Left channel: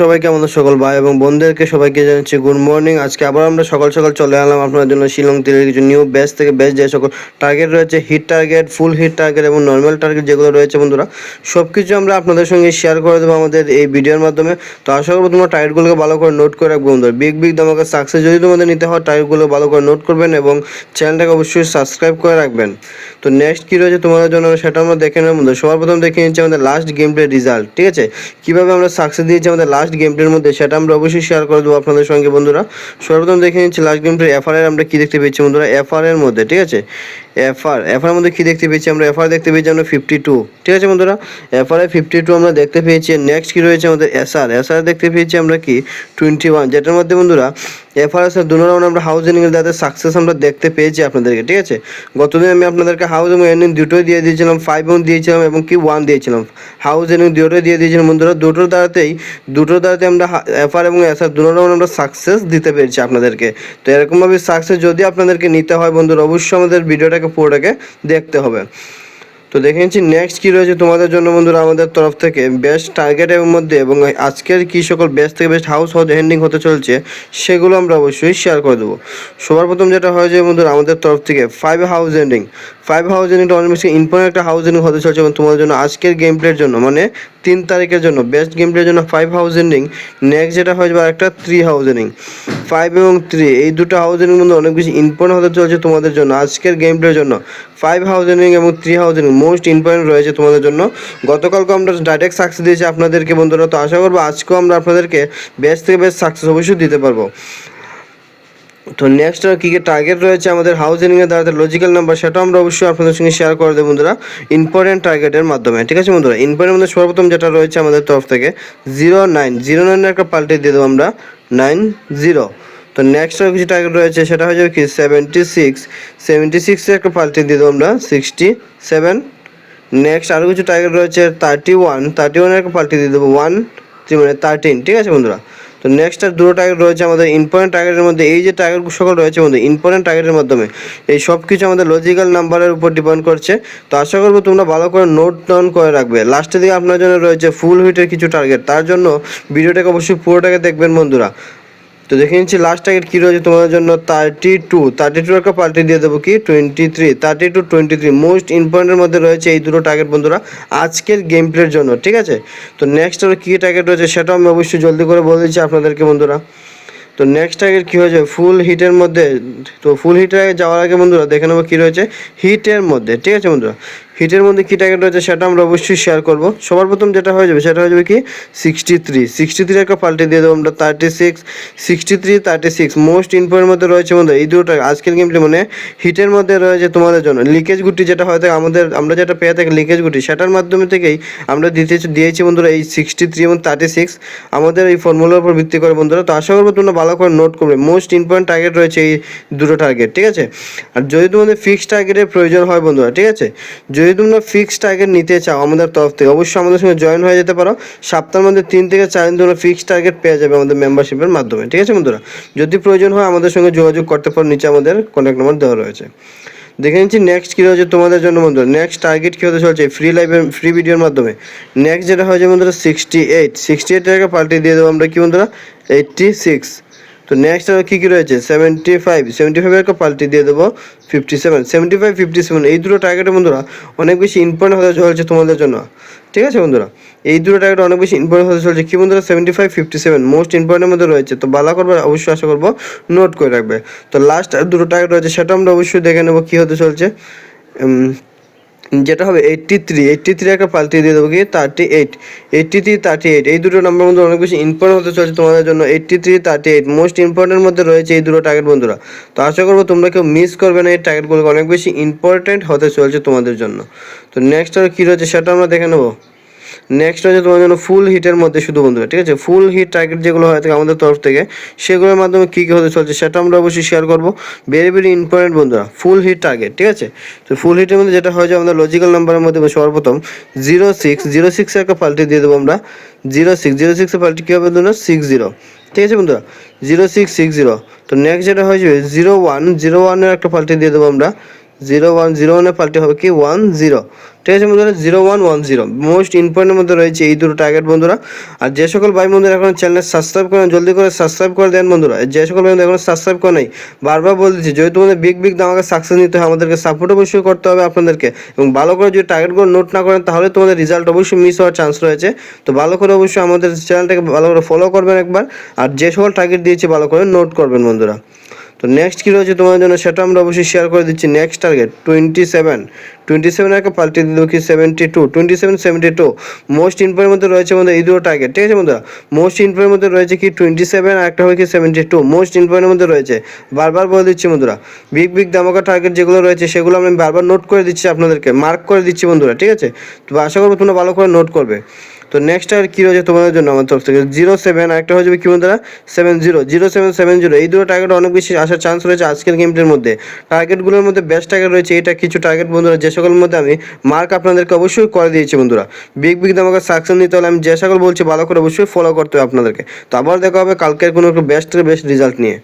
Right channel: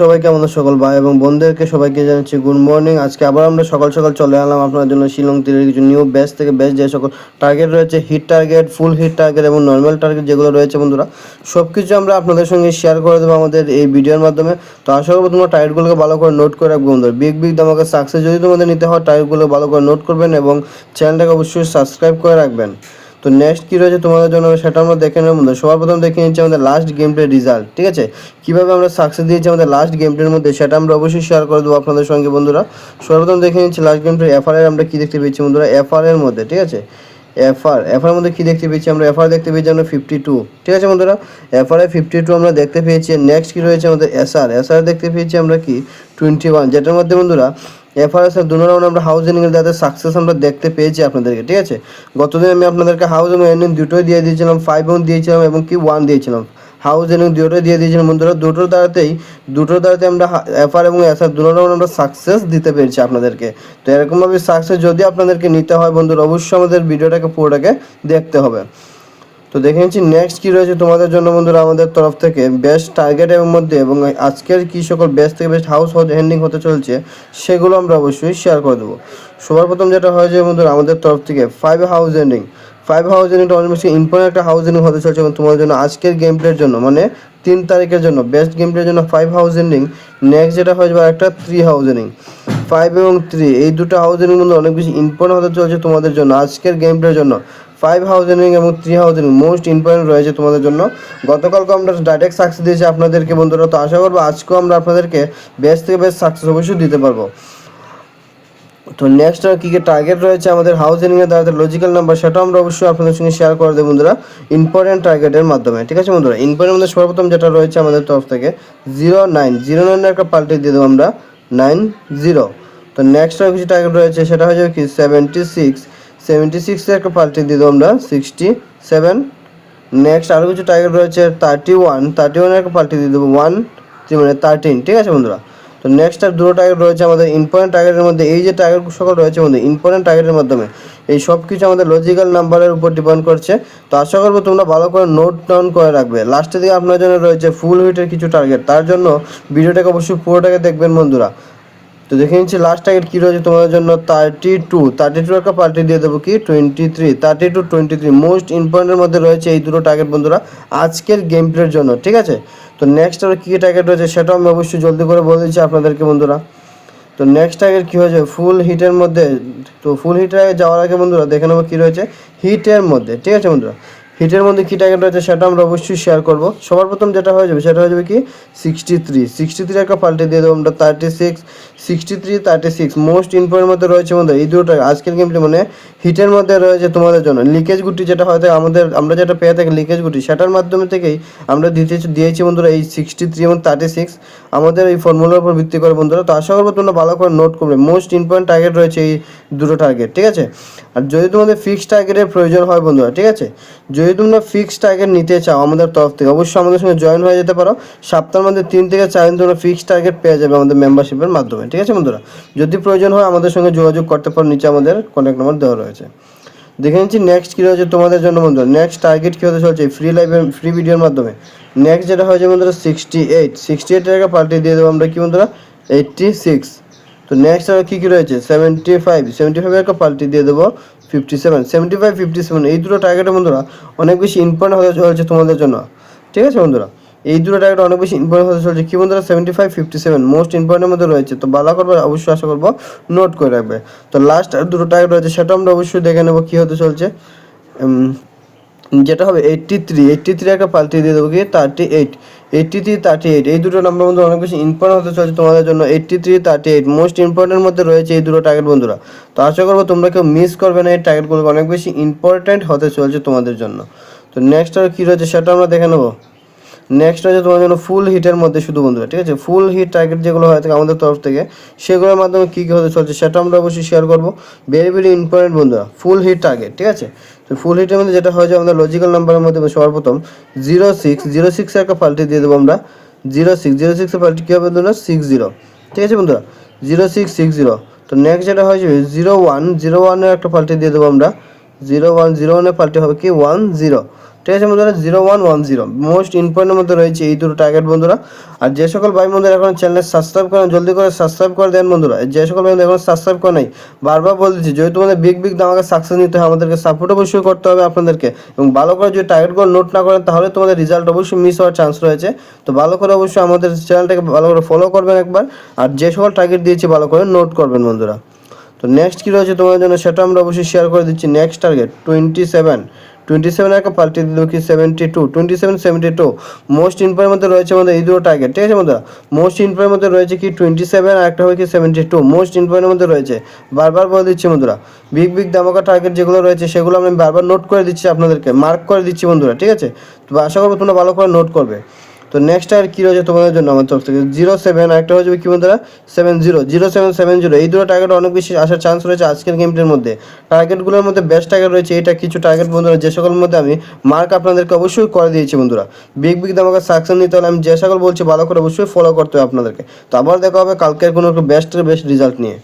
সবাইকে আমাদের সকল ভাই এবং বোনদেরকে সবাইকে জানাচ্ছি গুড মর্নিং। আজকে আবার আমরা সকাল সকাল চলে এলাম আপনার জন্য শিলং তীরের কিছু নিউ ব্যাচ থেকে ব্যাচ যে সকল টার্গেট রয়েছে, হিট টার্গেট, ফুল হিট টার্গেট এবং নর্মাল টার্গেট যেগুলো রয়েছে বন্ধুরা, সব কিছু আমরা আপনাদের সঙ্গে শেয়ার করে দেবো আমাদের এই ভিডিওর মাধ্যমে। তো আশা করবো তোমরা টার্গেটগুলোকে ভালো করে নোট করে রাখবো বন্ধুরা। বিগ ধামাকা সাকসেস যদি তোমাদের নিতে হয় টার্গেটগুলো ভালো করে নোট করবেন এবং চ্যানেলটাকে অবশ্যই সাবস্ক্রাইব করে রাখবেন। তো নেক্সট কী রয়েছে তোমাদের জন্য সেটা আমরা দেখে নেব বন্ধু। সবার প্রথম দেখে নিচ্ছি আমাদের লাস্ট গেম প্লে রেজাল্ট, ঠিক আছে? কীভাবে আমরা সাকসেস দিয়েছি আমাদের লাস্ট গেম প্লের মধ্যে সেটা আমরা অবশ্যই শেয়ার করে দেবো আপনাদের সঙ্গে বন্ধুরা। সর্বপ্রথম দেখে নিচ্ছি লাস্ট গেম প্লে এফআর এর আমরা কী দেখতে পেয়েছি বন্ধুরা। এফআর এর মধ্যে, ঠিক আছে, এফআর মধ্যে কী দেখতে পেয়েছি আমরা? এফআর দেখতে পেয়েছি আমরা 52, ঠিক আছে বন্ধুরা। এফআর 52 আমরা দেখতে পেয়েছি। নেক্সট কী রয়েছে আমাদের এসআর দেখতে পেয়েছি আমরা কি 21, যেটার মধ্যে বন্ধুরা এফআরএস দু রাউন্ড আমরা হাউস এন্ডিং এর তাদের সাকসেস আমরা দেখতে পেয়েছি আপনাদেরকে, ঠিক আছে। গতদিন আমি আপনাদেরকে হাউস এবং এন্ডিং দুটোই দিয়ে দিয়েছিলাম, 5 দিয়েছিলাম এবং কি 1 দিয়েছিলাম। হাউস এন্ডিং দুটোই দিয়ে দিয়েছিলাম বন্ধুরা। দুটোর দ্বারাতেই আমরা এফআর এবং এসআর দু রাউন্ড আমরা সাকসেস দিতে পেরেছি আপনাদেরকে। তো এরকমভাবে সাকসেস যদি আপনাদেরকে নিতে হয় বন্ধুরা, অবশ্যই আমাদের ভিডিওটাকে পুরোটাকে দেখতে হবে। তো দেখে নিচ্ছি নেক্সট কী রয়েছে তোমাদের জন্য বন্ধুরা আমাদের তরফ থেকে বেস্ট টার্গেটের মধ্যে এবং আজকের কী সকল বেস্ট থেকে বেস্ট হাউস হেন্ডিং হতে চলছে সেগুলো আমরা অবশ্যই শেয়ার করে দেবো। সবার প্রথম যেটা হয়েছে বন্ধুরা আমাদের তরফ থেকে 5 হাউস এন্ডিংটা অনেক বেশি ইম্পর্টেন্ট একটা হাউস এন্ডিং হতে চলছে এবং তোমাদের জন্য আজকের গেম প্লের জন্য মানে 3 তারিখের জন্য বেস্ট গেম প্লের জন্য 5 হাউস এন্ডিং। নেক্সট যেটা হয়ে যাবে একটা 3 হাউস এন্ডিং। 5 এবং 3 এই দুটো হাউস এন্ডিং মধ্যে অনেক বেশি ইম্পর্টেন্ট হতে চলছে তোমাদের জন্য আজকের গেম প্লের জন্য। 5 হাউস এন্ডিং এবং 3 হাউস এন্ডিং মোস্ট ইম্পর্টেন্ট রয়েছে তোমাদের জন্য। গতকালকে আমরা ডাইরেক্ট সাকসেস দিয়েছি আপনাদেরকে বন্ধুরা। তো আশা করবো আজকেও আমরা আপনাদেরকে বেস্ট থেকে বেস্ট সাকসেস অবশ্যই দিতে পারবো। তো নেক্সট আর কী কী টার্গেট রয়েছে আমাদের হাউস এন্ডিংয়ের দ্বারা লজিক্যাল নাম্বার সেটাও আমরা অবশ্যই আপনাদের সঙ্গে শেয়ার করে দেবো বন্ধুরা ইম্পর্টেন্ট টার্গেটের মাধ্যমে, ঠিক আছে বন্ধুরা। ইম্পর্টেন্ট মধ্যে সর্বপ্রথম যেটা রয়েছে আমাদের তরফ থেকে 09 একটা পাল্টে দিয়ে দেবো আমরা 90। তো নেক্সট আর কিছু টার্গেট রয়েছে সেটা হয়ে যাবে কি 76 একটা পাল্টে দিয়ে দেবো আমরা 67। নেক্সট আরও কিছু টার্গেট রয়েছে 31 একটা পাল্টে দিয়ে দেবো 13, ঠিক আছে বন্ধুরা। তো নেক্সট আর দুটো টার্গেট রয়েছে আমাদের ইম্পর্টেন্ট টার্গেটের মধ্যে। এই যে টার্গেট সকল রয়েছে বন্ধু ইম্পর্টেন্ট টার্গেটের মাধ্যমে এই সব কিছু আমাদের লজিক্যাল নাম্বারের উপর ডিপেন্ড করছে। তো আশা করবো তোমরা ভালো করে নোট ডাউন করে রাখবে। লাস্টের দিকে আপনার জন্য রয়েছে ফুল হিটের কিছু টার্গেট, তার জন্য ভিডিওটাকে অবশ্যই পুরোটাকে দেখবেন বন্ধুরা। তো দেখে নিচ্ছি লাস্ট টার্গেট কী রয়েছে তোমাদের জন্য 32 একটা পাল্টে দিয়ে দেবো কি 23 মোস্ট ইম্পর্টেন্টের মধ্যে রয়েছে এই দুটো টার্গেট বন্ধুরা আজকের গেম প্লের জন্য, ঠিক আছে। তো নেক্সট আর কী টার্গেট রয়েছে সেটাও আমি অবশ্যই জলদি করে বলে দিচ্ছি আপনাদেরকে বন্ধুরা। তো নেক্সট টার্গেট কী হয়েছে ফুল হিটের মধ্যে। তো ফুল হিটে যাওয়ার আগে বন্ধুরা দেখে নেবো কী রয়েছে হিটের মধ্যে, ঠিক আছে বন্ধুরা। হিটের মধ্যে কী টার্গেট রয়েছে সেটা আমরা অবশ্যই শেয়ার করবো। সবার প্রথম যেটা হয়ে যাবে সেটা হয়ে যাবে কি 63 একটা পাল্টে দিয়ে দেবো আমরা 36 মোস্ট ইম্পর্টেন্ট মধ্যে রয়েছে বন্ধুরা এই দুটো আজকের গেমটি মানে হিটের মধ্যে রয়েছে তোমাদের জন্য। লিকেজ গুটি যেটা হয় থাকে আমরা যেটা পেয়ে থাকি লিকেজ গুটি সেটার মাধ্যমে থেকেই আমরা দিয়েছি বন্ধুরা এই 63 এবং 36 আমাদের এই ফর্মুলার উপর ভিত্তি করে বন্ধুরা। তো আশা করবো তোমরা ভালো করে নোট করবে মোস্ট ইম্পর্টেন্ট টার্গেট রয়েছে এই দুটো টার্গেট, ঠিক আছে। আর যদি তোমাদের ফিক্সড টার্গেটের প্রয়োজন হয় বন্ধুরা, ঠিক আছে, যদি তোমরা ফিক্সড টার্গেট নিতে চাও আমাদের তরফ থেকে অবশ্যই আমাদের সঙ্গে জয়েন হয়ে যেতে পারো। সপ্তাহের মধ্যে 3 থেকে 4 দিন তোমরা ফিক্সড টার্গেট পেয়ে যাবে আমাদের মেম্বারশিপের মাধ্যমে, ঠিক আছে বন্ধুরা। যদি প্রয়োজন হয় আমাদের সঙ্গে যোগাযোগ করতে পারো, নিচে আমাদের কন্ট্যাক্ট নাম্বার দেওয়া রয়েছে। দেখে নিচ্ছি নেক্সট কী রয়েছে তোমাদের জন্য বন্ধুরা। নেক্সট টার্গেট কী হতে চলছে ফ্রি ভিডিওর মাধ্যমে। নেক্সট যেটা হয়েছে বন্ধুরা 68 টাকা পাল্টে দিয়ে দেবো আমরা কি বন্ধুরা 86। তো নেক্সট আর কী রয়েছে 75 একটা পাল্টে দিয়ে দেবো 57 এই দুটো টার্গেটের বন্ধুরা অনেক বেশি ইম্পর্টেন্ট হতে চলছে তোমাদের জন্য, ঠিক আছে বন্ধুরা। এই দুটো টার্গেট অনেক বেশি ইম্পর্টেন্ট হতে চলছে কি বন্ধুরা 75-57 মোস্ট ইম্পর্টেন্টের মধ্যে রয়েছে। তো ভালো করবে অবশ্যই আশা করবো নোট করে রাখবে। তো লাস্ট দুটো টার্গেট রয়েছে সেটা আমরা অবশ্যই দেখে নেবো কী হতে চলছে। যেটা হবে 83 একটা পাল্টে দিয়ে দেবো কি 38 এই দুটো নাম্বার মধ্যে অনেক বেশি ইম্পর্টেন্ট হতে চলছে তোমাদের জন্য 83-38 মোস্ট ইম্পর্টেন্টের মধ্যে রয়েছে এই দুটো টার্গেট বন্ধুরা। তো আশা করবো তোমরা কেউ মিস করবে না, এই টার্গেটগুলো অনেক বেশি ইম্পর্টেন্ট হতে চলছে তোমাদের জন্য। তো নেক্সট আর কী রয়েছে সেটা আমরা দেখে নেবো। নেক্সট হচ্ছে তোমাদের জন্য ফুল হিটের মধ্যে শুধু বন্ধুরা, ঠিক আছে, ফুল হিট টার্গেট যেগুলো হয় থাকে আমাদের তরফ থেকে সেগুলোর মাধ্যমে কী কী হতে চলছে সেটা আমরা অবশ্যই শেয়ার করবো। ভেরি ইম্পর্টেন্ট বন্ধুরা ফুল হিট টার্গেট, ঠিক আছে। তো ফুল হিটের মধ্যে যেটা হয় যে আমাদের লজিক্যাল নাম্বারের মধ্যে সর্বপ্রথম 06 একটা পাল্টে দিয়ে দেবো আমরা 06 পাল্টে কী হবে বন্ধুরা 60, ঠিক আছে বন্ধুরা 0660। তো নেক্সট যেটা হয়ে যাবে 01 একটা পাল্টে দিয়ে দেবো আমরা 01 পাল্টে হবে কি 10। ঠিক আছে বন্ধুরা, 0110 মোস্ট ইম্পর্টেন্টের মধ্যে রয়েছে এই দুটো টার্গেট বন্ধুরা। আর যে সকল ভাই বন্ধুরা এখন চ্যানেল সাবস্ক্রাইব করেন, জলদি করে সাবস্ক্রাইব করে দেন বন্ধুরা। যে সকল ভাই এখন সাবস্ক্রাইব করে নাই, বারবার বলে দিচ্ছি, যদি তোমাদের বিগ দামাকে সাকসেস নিতে হয় আমাদেরকে সাপোর্ট অবশ্যই করতে হবে আপনাদেরকে, এবং ভালো করে যদি টার্গেটগুলো নোট না করেন তাহলে তোমাদের রেজাল্ট অবশ্যই মিস হওয়ার চান্স রয়েছে। তো ভালো করে অবশ্যই আমাদের চ্যানেলটাকে ভালো করে ফলো করবেন একবার, আর যে সকল টার্গেট দিয়েছি ভালো করে নোট করবেন বন্ধুরা। তো নেক্সট কী রয়েছে তোমাদের জন্য সেটা আমরা অবশ্যই শেয়ার করে দিচ্ছি। নেক্সট টার্গেট 27 একটা পাল্টে দিল কি 72 মোস্ট ইম্পর্টেন্টের মধ্যে রয়েছে আমাদের এই দুটো টার্গেট। ঠিক আছে বন্ধুরা, মোস্ট ইম্পর্টেন্টের মধ্যে রয়েছে কি 27 আর একটা হবে কি 72 মোস্ট ইম্পর্টেন্টের মধ্যে রয়েছে। বারবার বলে দিচ্ছি বন্ধুরা, বিগ ধামাকা টার্গেট যেগুলো রয়েছে সেগুলো আমি বারবার নোট করে দিচ্ছি আপনাদেরকে, মার্ক করে দিচ্ছি বন্ধুরা। ঠিক আছে, তো আশা করবো তোমরা ভালো করে নোট করবে। তো নেক্সট আর কী রয়েছে তোমাদের জন্য আমার তরফ থেকে 07 আর একটা হয়ে যাবে কি বন্ধুরা 07 এই দুটো টার্গেট অনেক বেশি আসার চান্স রয়েছে আজকের গেমটির মধ্যে। টার্গেটগুলোর মধ্যে বেস্ট টার্গেট রয়েছে এটা কিছু টার্গেট বন্ধুরা, যে সকলের মধ্যে আমি মার্ক আপনাদেরকে অবশ্যই করে দিয়েছি বন্ধুরা। বিগ দামাকে সাকসেস নিতে হলে আমি যে সকল বলছি ভালো করে অবশ্যই ফলো করতে হবে আপনাদেরকে। তো আবার দেখা হবে কালকের কোনো বেস্ট রেজাল্ট নিয়ে।